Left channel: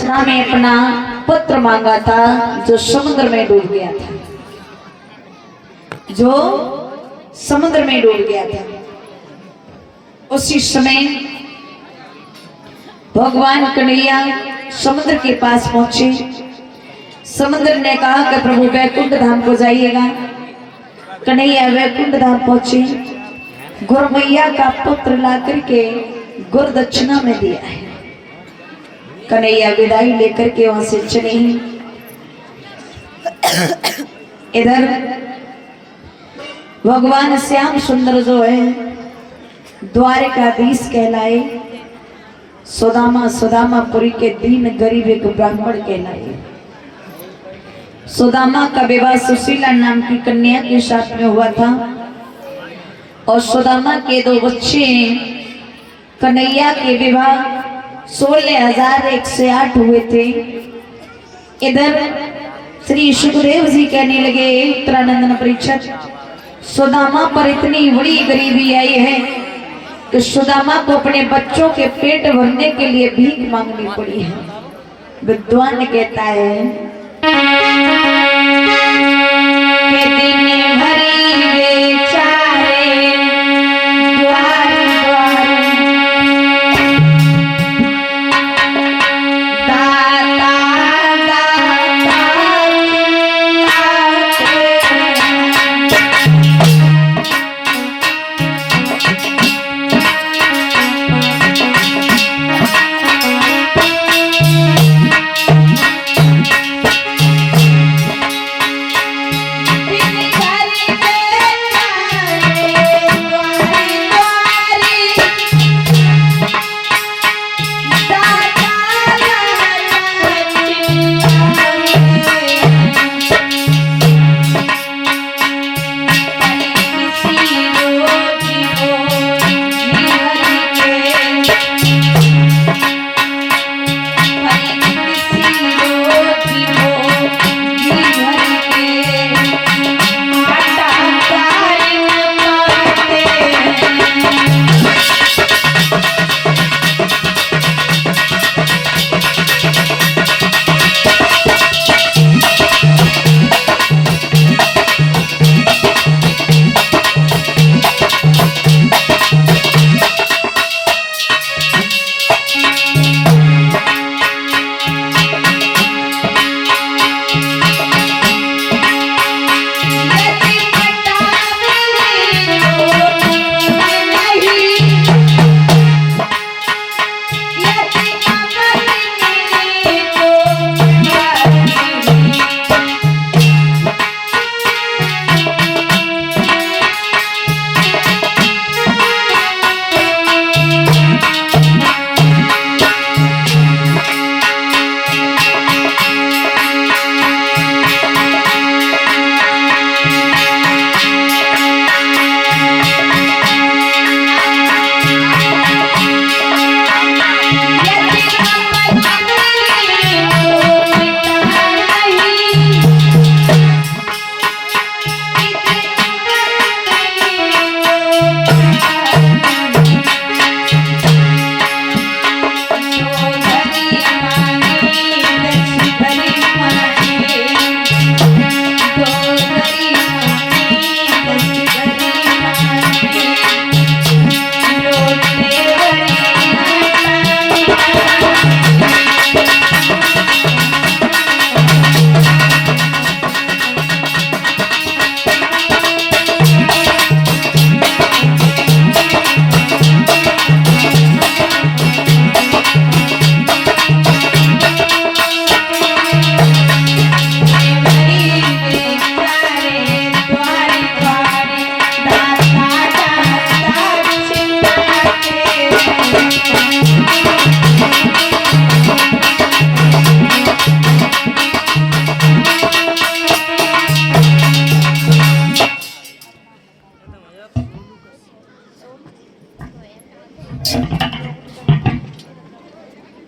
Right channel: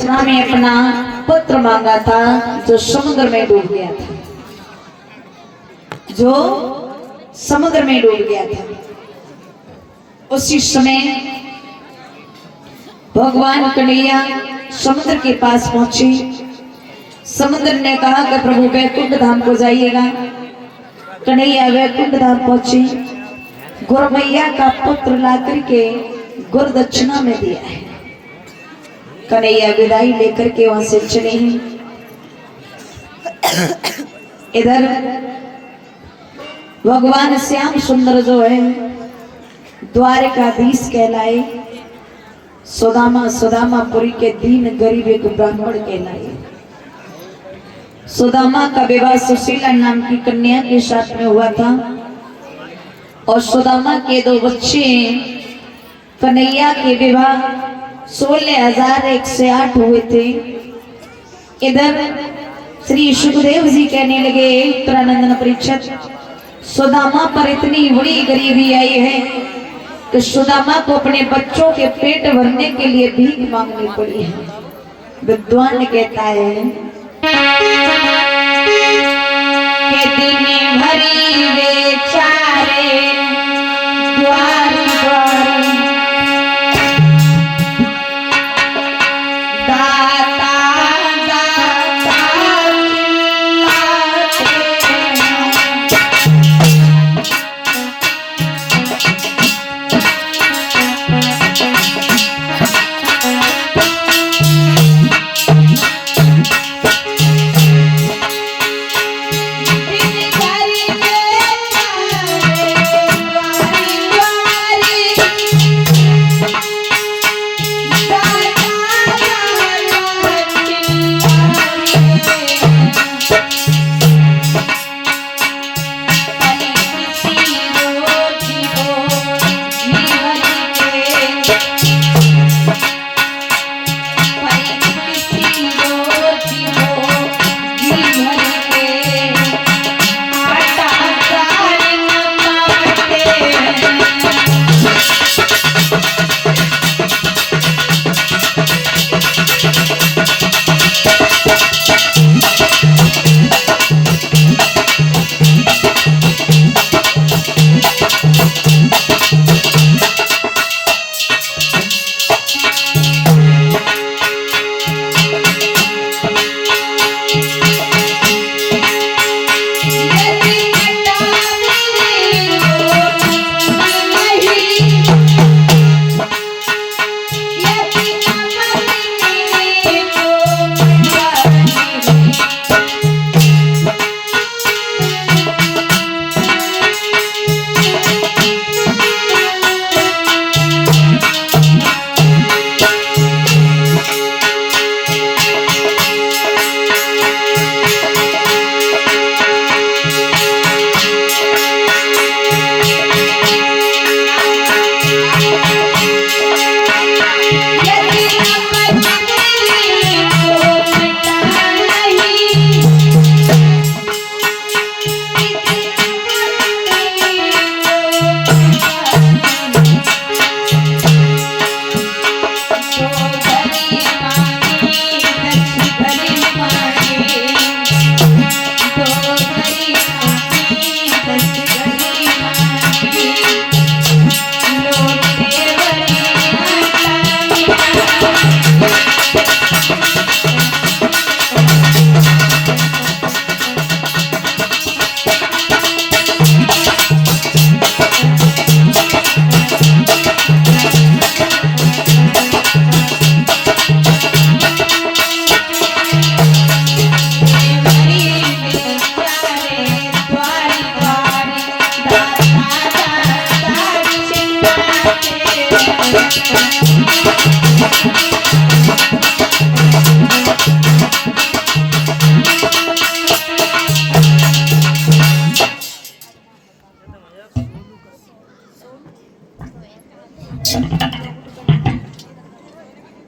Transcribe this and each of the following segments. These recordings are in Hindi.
दक्षिणा में अपना पुत्र मांगा था जो समुद्र में डूब गया था, जो समुद्र में डूब गया था। उसी समय भगवान कन्हैया समुद्र के पास पहुंचे। समुद्र ने कहा कि प्रभु वैकुंठ धाम को जाइएगा। कन्हैया वैकुंठ धाम पहुंचे। गुरु मैया का पुत्र ला करके गुरु दक्षिणा में दिया है। कन्हैया विदाई लेकर के वहां से चले हैं। इधर भगवान श्याम सुंदर जो है द्वारकाधीश कहलाए, सुदामापुरी के दीन गरीब एक ब्राह्मण कहलाए। सुदामा का विवाह सुशीला नाम की कन्या के साथ में हुआ था और सुदामा के 2 बच्चे कन्हैया के विवाह 16,108 हुए थे। इधर श्री सुखदेव जी कहने लगे, उत्तरानंदन परीक्षित, सुदामा पर इतनी बड़ी गरीबी आई है कि सुदामा को अपने बच्चों के पेट भरने के लिए भीख मांगनी पड़ी है। विद्वान कहता है कि दिन भरी बेचारे द्वार द्वार दाता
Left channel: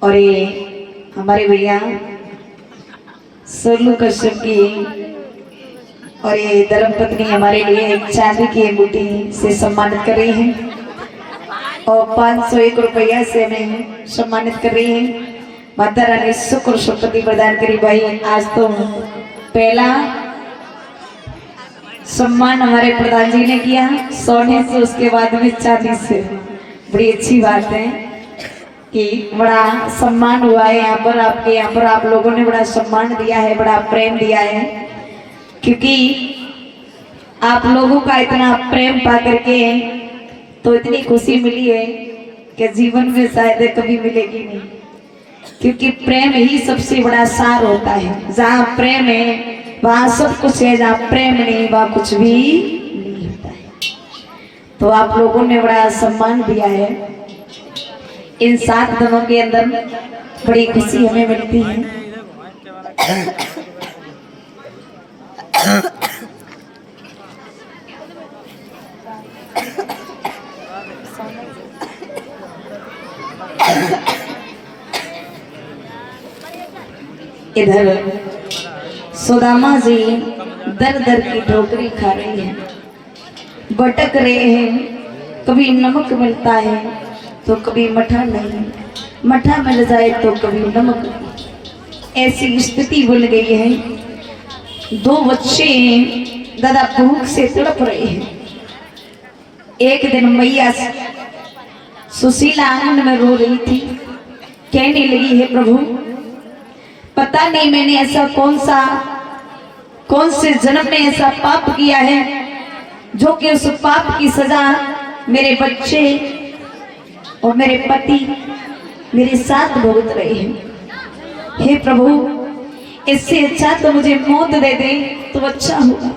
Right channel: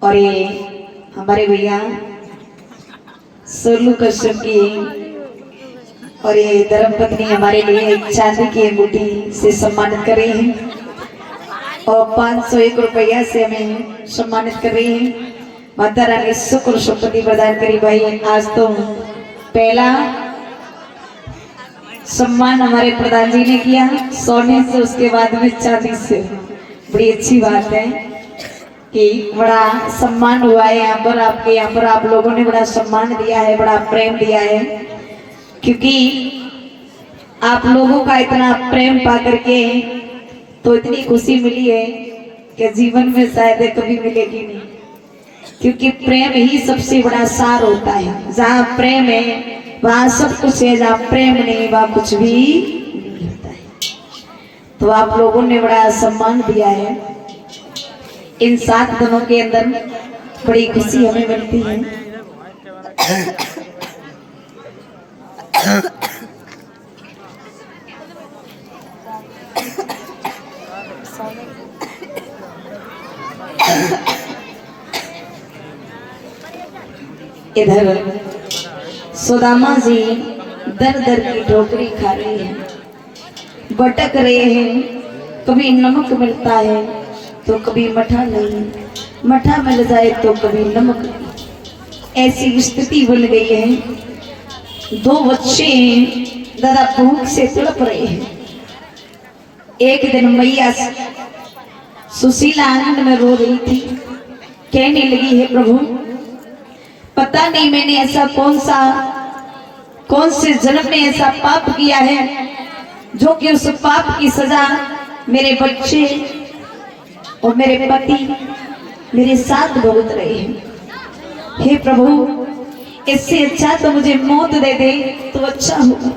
और ये हमारे भैया सोलू कश्यप की और ये धर्मपत्नी हमारे लिए चांदी की अंगूठी से सम्मानित कर रही हैं और 501 रुपया से हमें सम्मानित कर रही हैं। माता रानी सुख और संपत्ति प्रदान करी। भाई आज तो पहला सम्मान हमारे प्रधान जी ने किया सोने से, उसके बाद में चांदी से। बड़ी अच्छी बात है कि बड़ा सम्मान हुआ है यहाँ पर, आपके यहाँ पर आप लोगों ने बड़ा सम्मान दिया है, बड़ा प्रेम दिया है। क्योंकि आप लोगों का इतना प्रेम पा करके तो इतनी खुशी मिली है कि जीवन में शायद कभी मिलेगी नहीं। क्योंकि प्रेम ही सबसे बड़ा सार होता है। जहाँ प्रेम है वहाँ सब कुछ है, जहाँ प्रेम नहीं वहाँ कुछ भी नहीं होता है। तो आप लोगों ने बड़ा सम्मान दिया है। इन 7 दिनों के अंदर बड़ी खुशी हमें मिलती है। इधर सुदामा जी दर दर की ठोकरी खा रही है, भटक रहे हैं। कभी नमक मिलता है तो कभी मठा नहीं, मठा मिल जाए तो कभी नमक नहीं। ऐसी स्थिति बन गई है। 2 बच्चे दादा भूख से तड़प रहे हैं। एक दिन मैया सुशीला आनंद में रो रही थी, कहने लगी है प्रभु पता नहीं मैंने ऐसा कौन से जन्म में ऐसा पाप किया है जो कि उस पाप की सजा मेरे बच्चे और मेरे पति मेरे साथ भुगत रहे हैं। हे प्रभु इससे अच्छा तो मुझे मौत दे दे तो अच्छा होगा।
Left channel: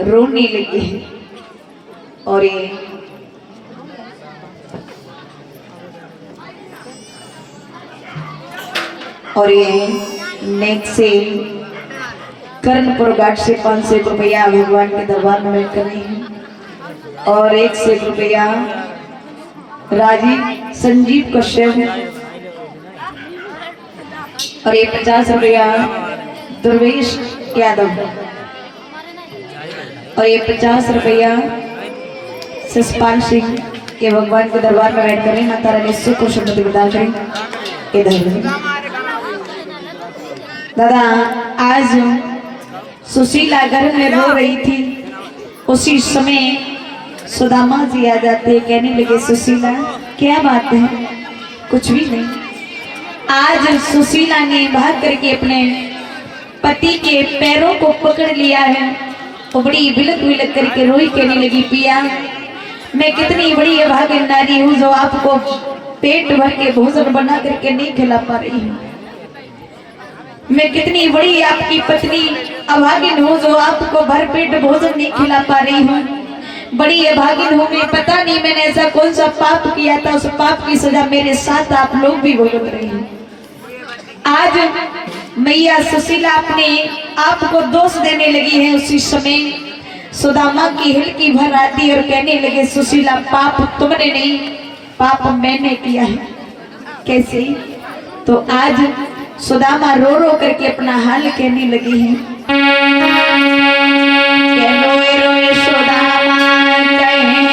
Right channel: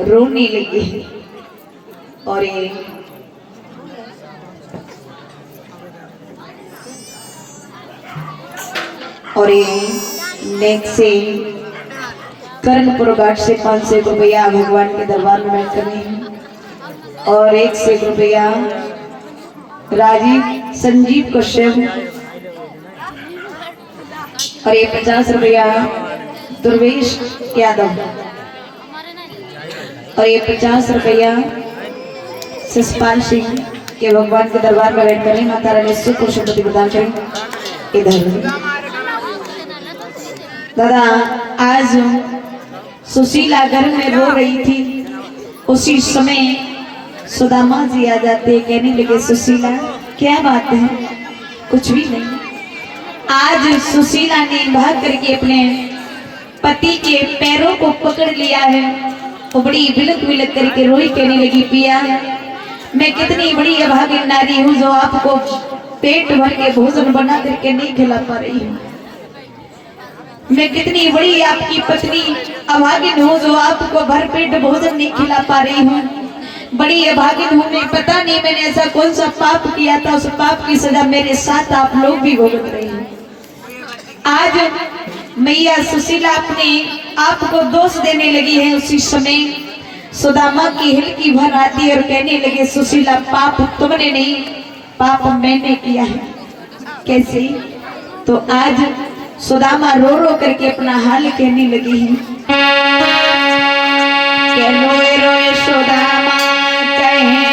रोने लगी। और ये नेक्स्ट से कर्णपुर घाट से 500 रुपया भगवान के दरबार में बैठ करें। और 100 रुपया राजीव संजीव कश्यप। और ये 50 रुपया दुर्वेश यादव। और ये 50 रुपया ससपाल सिंह के भगवान के दरबार में बैठ करें। माता रानी सुख और समृद्धि प्रदान करें। इधर दादा आज सुशीला घर में रो रही थी, उसी समय सुदामा जी आ जाते, कहने लगे सुशीला क्या बात है? कुछ भी नहीं। आज सुशीला ने भाग करके अपने पति के पैरों को पकड़ लिया है। वो बड़ी बिलक बिलक करके रोई, कहने लगी पिया मैं कितनी बड़ी अभागन नारी हूँ जो आपको पेट भर के भोजन बना करके नहीं खिला पा रही हूँ। मैं कितनी बड़ी आपकी पत्नी अभागिन हूँ जो आपको भर पेट भोजन नहीं खिला पा रही हूँ। बड़ी अभागिन हूँ मैं, पता नहीं मैंने ऐसा कौन सा पाप किया था, उस पाप की सजा मेरे साथ आप लोग भी भुगत रही हैं। आज मैया सुशीला अपने आप को दोष देने लगी है। उसी समय सुदामा की हिलकी भर आती और कहने लगे सुशीला पाप तुमने नहीं, पाप मैंने किया है। कैसे? तो आज सुदामा रो रो करके अपना हाल कहने लगी है। रोए रोए सुदामा कहे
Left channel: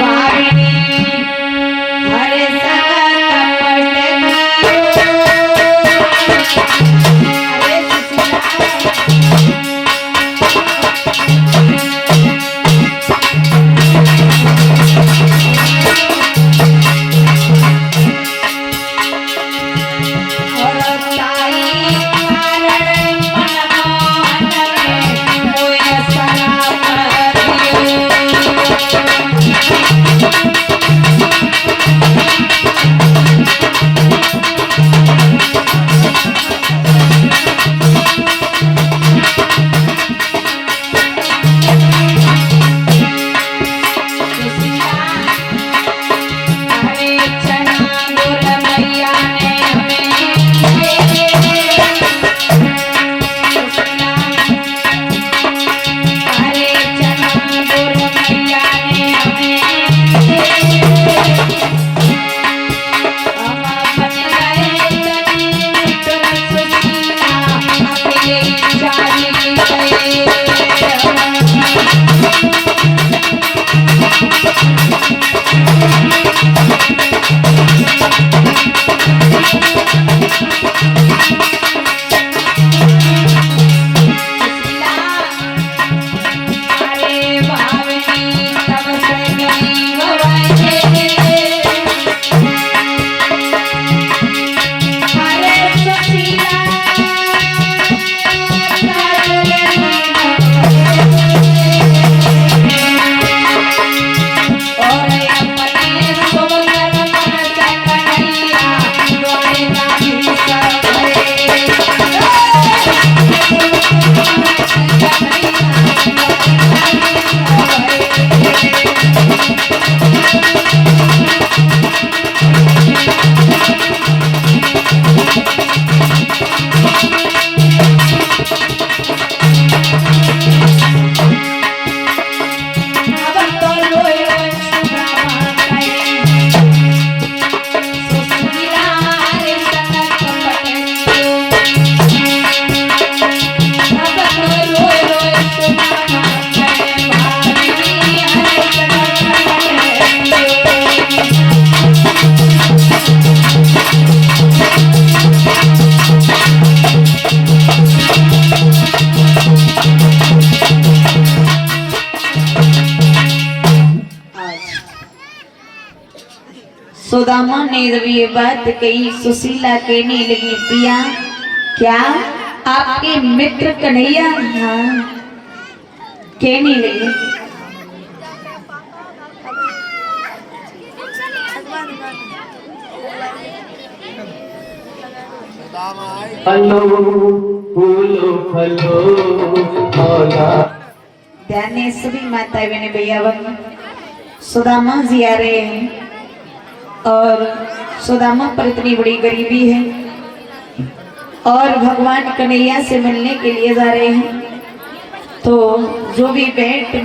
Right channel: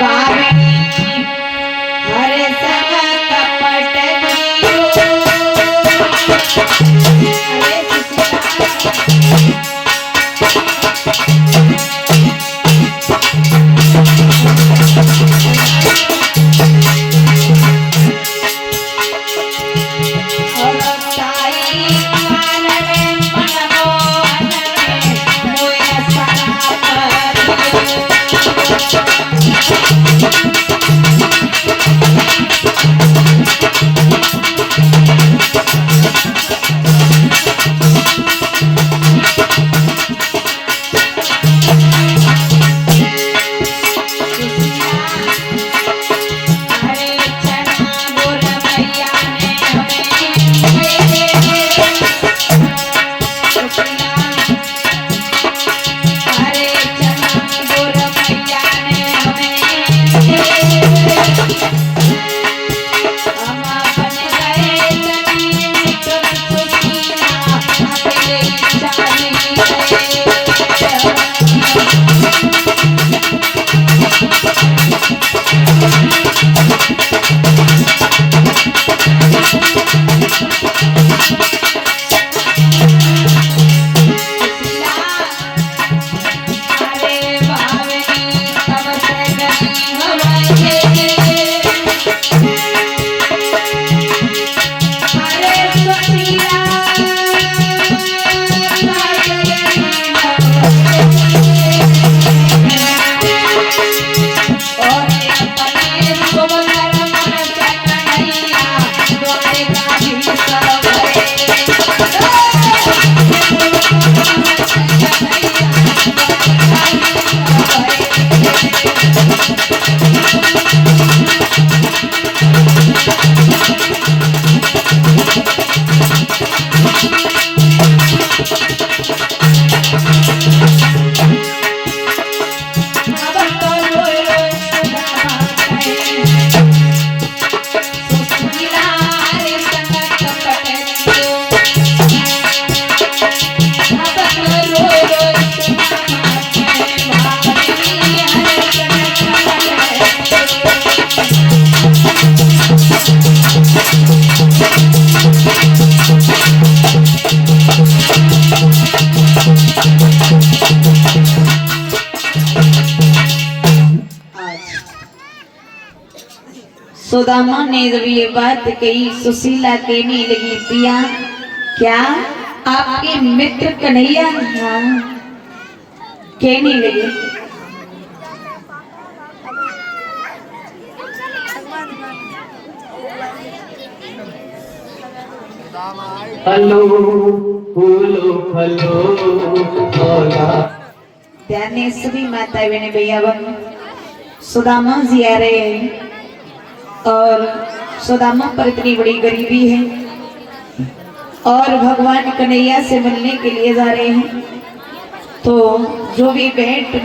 वाणी हर सुदामा ने जब ये बात कही, सुशीला कहने लगी पिया क्या आपके मित्र कन्हैया? हाँ कहने लगे हेलो फूलो फलो मौला। ध्यान ने सभी माता बहन भैया बहन सुदामा जी आ रहे हैं और सुदामा पर इतनी बड़ी गरीबी है और भगवान कन्हैया से मिलने के लिए जा रहे हैं। तो जो भी भेंट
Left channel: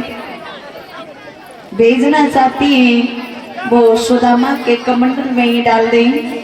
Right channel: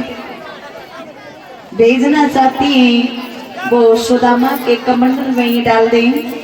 भेजना चाहती हैं वो सुदामा के कमंडल में ही डाल दें।